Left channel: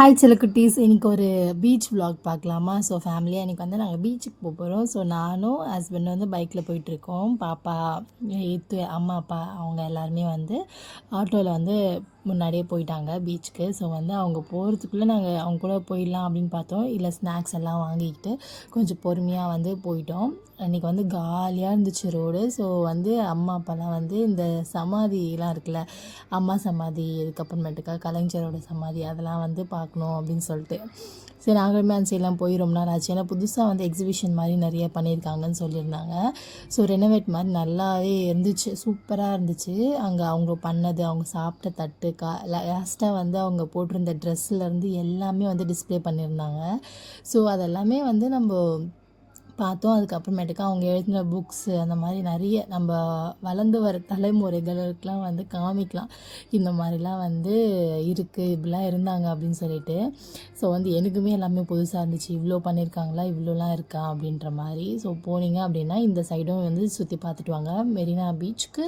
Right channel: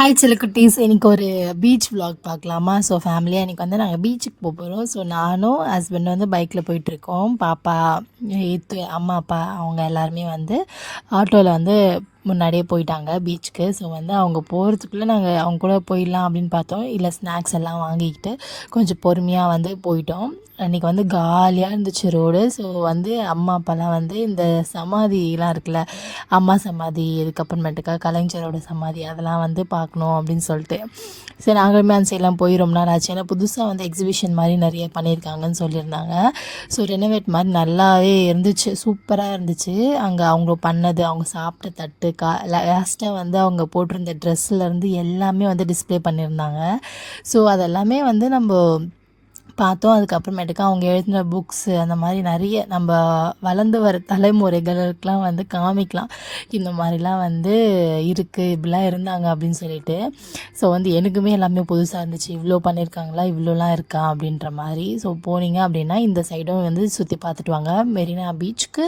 Hi செல்லக்குட்டீஸ், இன்னைக்கு ஒரு beach vlog பார்க்கலாமா? ஸோ ஃபேமிலியாக இன்றைக்கி வந்து நாங்கள் பீச்சுக்கு போகிறோம். ஸோ நானும் ஹஸ்பண்ட் வந்து பைக்கில் போயிட்டுருக்கோம். பாப்பா, அம்மா அப்பா அவங்க எல்லாருமே வந்து ஆட்டோவில் வந்து முன்னாடியே போயிட்டாங்க பீச்சுக்கு. ஸோ வந்து அவங்க போகிறதுக்குள்ளே நாங்கள் அவங்க கூட போயிடலாம் அப்படின்னு பார்த்தோம். இல்லை ஸ்நாக்ஸ் எல்லாம் வாங்கிக்கிட்டு கொஞ்சம் பொறுமையாக வந்து போயிட்டோம். அன்றைக்கி வந்து காலியாக இருந்துச்சு ரோடு. ஸோ வந்து அம்மா அப்பாலாம் வந்து இந்த சமாதிலாம் இருக்குல்ல, அம்மா சமாதி, இதுக்கப்புறமேட்டுக்கா கலைஞரோட சமாதி, அதெல்லாம் வந்து பார்க்கணும் அப்படின்னு சொல்லிட்டு சரி நாங்களுமே அந்த சைட்லாம் போய் ரொம்ப நாள் ஆச்சு. ஏன்னா புதுசாக வந்து எக்ஸிபிஷன் மாதிரி நிறைய பண்ணியிருக்காங்கன்னு சொல்லியிருந்தாங்க. ஸோ ரெனோவேட் மாதிரி நல்லாவே இருந்துச்சு, சூப்பராக இருந்துச்சு. அங்கே அவங்க பண்ணது, அவங்க சாப்பிட்ட தட்டு, லாஸ்ட்டாக வந்து அவங்க போட்டிருந்த ட்ரெஸ்ஸுலேருந்து எல்லாமே வந்து டிஸ்பிளே பண்ணியிருந்தாங்க. ஸோ அதெல்லாமே வந்து நம்ம பார்த்தோம். அதுக்கப்புறமேட்டுக்கு அவங்க எழுதின புக்ஸு, அந்த மாதிரி நிறைய நம்ம வளர்ந்து வர தலைமுறைகளுக்கெலாம் வந்து காமிக்கலாம், இந்த மாதிரிலாம் வந்து இருக்குது, இப்படிலாம் இருந்தாங்க அப்படின்னு சொல்லிட்டு. ஸோ வந்து எனக்குமே எல்லாமே புதுசாக இருந்துச்சு. இவ்வளோ பண்ணியிருக்காங்களா, இவ்வளோலாம் இருக்கா அப்படின்ற மாதிரி. ஸோ போனீங்க அப்படின்னா இந்த சைடும் வந்து சுற்றி பார்த்துட்டு வாங்க. மெரினா பீச்சுக்கு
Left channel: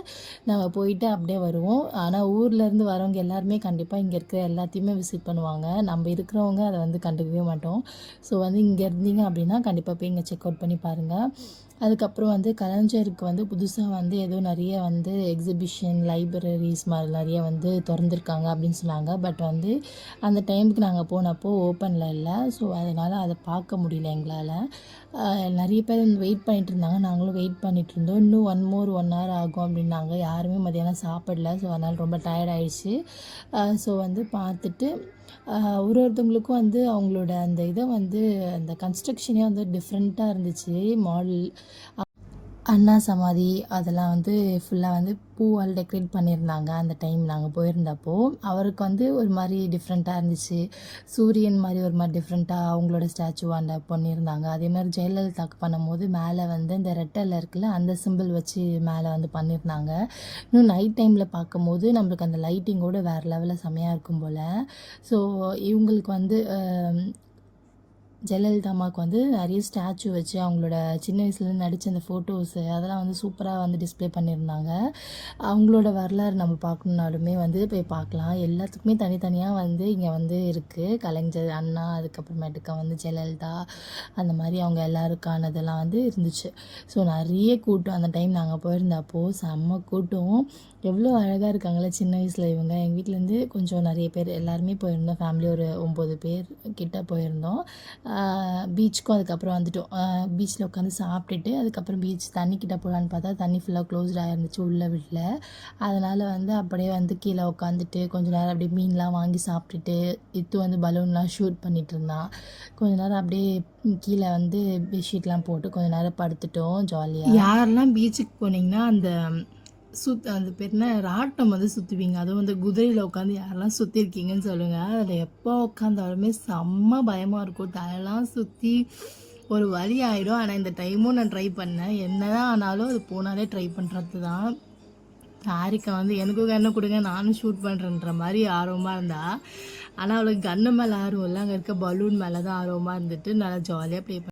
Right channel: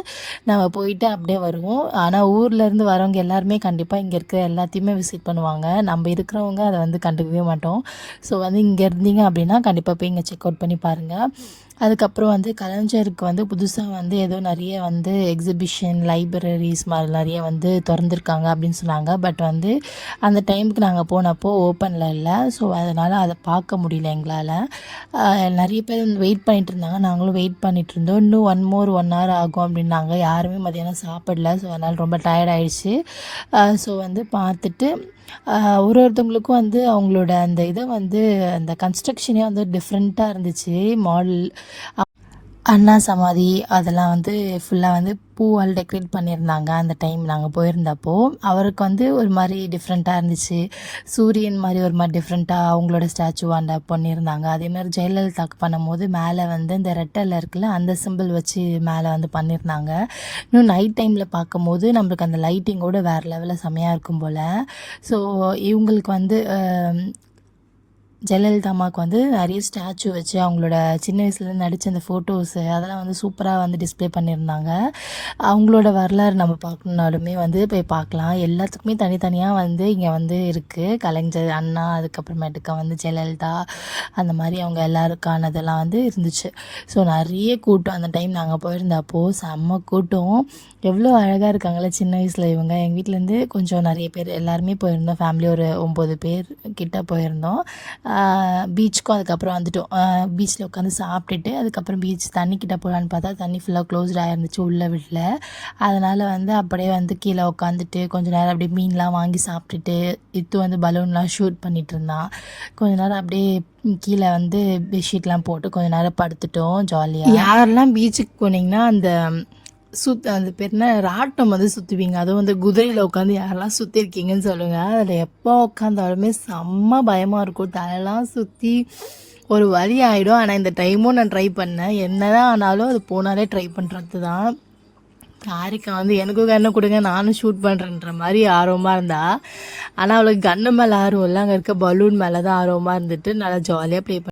நம்ம போயிட்டு அப்படியே வருவோம். ஆனால் ஊர்லேருந்து வரவங்க எல்லாருமே கண்டிப்பாக இங்கே இருக்கிற எல்லாத்தையுமே விசிட் பண்ணுவாங்க. நம்ம இருக்கிறவங்க அதை வந்து கண்டுக்கவே மாட்டோம். ஸோ வந்து இங்கே இருந்தீங்க அப்படின்னா கண்டிப்பாக போய் இங்கே செக் அவுட் பண்ணி பாருங்கள். அதுக்கப்புறம் வந்து கலைஞருக்கு வந்து புதுசாக வந்து ஏதோ நிறைய வந்து எக்ஸிபிஷன், லைப்ரரிஸ் மாதிரி நிறைய வந்து திறந்துருக்காங்க அப்படின்னு சொன்னாங்க. பட் வந்து அந்த டைமுக்கு நாங்கள் போனப்போ ஓப்பனில் இல்லை. ஸோ அதனால் அதை பார்க்க முடியல எங்களால். நிறைய பேர் வந்து வெயிட் பண்ணிகிட்டு இருந்தாங்க, நாங்களும் வெயிட் பண்ணிகிட்டு இருந்தோம். இன்னும் 1 hour ஆகும் அப்படின்னாங்க. யாருமே மதியானம் சாப்பிடல. ஸோ அதனால் ரொம்ப டயர்ட் ஆகிடுச்சு. ஸோ வந்து பார்த்துட்டு ஒருத்தவங்களுக்கும் வந்து அவங்களோட அந்த இதை வந்து அந்த கன்ஸ்ட்ரக்ஷனே வந்து டிஃப்ரெண்ட்டாக இருந்துச்சு. மாடல் அண்ணா சமாதி அதெல்லாம் வந்து ஃபுல்லாக வந்து பூவால் டெக்கரேட் பண்ணியிருந்தாங்க. அந்த டைம் நாங்கள் போயிருந்தப்போ அவருக்கு வந்து ஒரு மாதிரி டிஃப்ரெண்ட்டாக இருந்துச்சு. சூரியன் மாதிரி ஒரு மாதிரி டிஃப்ரெண்ட்டாக அவங்களோட ஸ்டாச்சுவாண்ட பண்ணியிருந்தாங்க. அதேமாதிரி ஜெயலலிதாக்கு பண்ணும்போது மேலே வந்து இந்த ரெட்டலில் இருக்குல்ல, அந்த சிம்பிள் வச்சு மேலே வந்து பண்ணியிருந்தாங்க. இன்னும் நைட் டைமில் பார்க்கும்போது நம்மளுக்கு அந்த லைட்டிங்கோடு வேறு லெவலில் செமையாக இருக்கும் போல். ஸோ இவங்களுக்கு வந்து ஜெயலலிதா அம்மாவுக்கு வந்து நிறைய ஸ்டாச்சு வச்சு அவங்களோட சின்ன வயசுலேருந்து நடித்த அந்த ஃபோட்டோஸு அதெல்லாம் வந்து சூப்பராக வந்து டிஸ்பிளே பண்ணியிருந்தாங்க. அவங்களோட வரலாறு நம்ம பார்க்கணுன்னாலுமே வந்து போய் பார்க்கலாம். எல்லாத்துக்குமே தனித்தனியாக வந்து இங்கே வந்து இருக்குது. கலைஞர், அண்ணா, அதுக்கப்புறமேட்டுக்கா வந்து ஜெயலலிதா, அந்த மாதிரி அவங்க எல்லாருக்கானதெல்லாம் வந்து இருந்துச்சு. ஸோ நிறைய கூட்டம் அந்த டைம் நாங்கள் போயிருந்தப்போ செம்ம கூட்டம். எவ்வளோ அழகாக இருக்காங்களே சின்ன வயசில் இவங்க. எங்கள் வீட்டிலேருந்து கொஞ்சம் நிறைய பேர் எல்லாருமே போயிருந்தோம். ஃபேமிலி ஒரு 9 பேர் கிட்ட போயிருந்தோம். பீச்சுக்கும் அதுக்கப்புறம் வந்துட்டோம். பீச்சில் உட்காந்து சாப்பிட்டுட்டு அதுக்கப்புறம் பீச் தண்ணிக்கிட்ட போகலான்னு பார்த்தா தண்ணி ஃபுல்லாக க்ளோஸ்டாக இருந்துச்சு, உள்ளே விடல. அதனால் வந்து அப்படியே வந்து கீழே உட்காந்துட்டு கொஞ்சம் நேரம் அப்படியே மீன்லாம் வாங்கி சாப்பிட்டுட்டு வந்து பலூன்லாம் ஷூட் பண்ணிகிட்டு இருந்தான். கொஞ்ச நேரம் அப்படியே கீழே வந்து பெட்ஷீட்லாம் போட்டு கொஞ்சம் நேரம் படுத்துட்டோம் ஜாலியாக. யாரெல்லாம் பீச்சுக்கு போனீங்கன்னா அந்த அந்த பேர் என்ன, ராட்டம் வந்து சுற்றுவீங்க, அதுவும் வந்து குதிரையில் உட்காந்து யாரெல்லாம் சுற்றிருக்கீங்கன்னு சொல்லுங்கள். அதில் எப்போ உட்காந்தாலுமே செம்ம பயமாக இருக்கும், தலையெல்லாம் சுற்றி ஒரு வழி ஆகிடும். ஆனால் இந்த டைமும் நான் ட்ரை பண்ணேன். என்ன தான் ஆனாலும் அது போனாலே ட்ரை பண்ணுறது தான். ஹாரிக்கா வந்து எனக்கும் கண்ணை கொடுங்க, நானும் ஷூட் பண்ணுறேன்ற மாதிரி ஆர்வமாக இருந்தா. ஆனால் அவளுக்கு கண்ணு மேலே ஆர்வம் இல்லை, அங்கே இருக்க பலூன் மேலே தான் ஆர்வமாக இருந்துட்டு நல்லா ஜாலியாக ப்ளே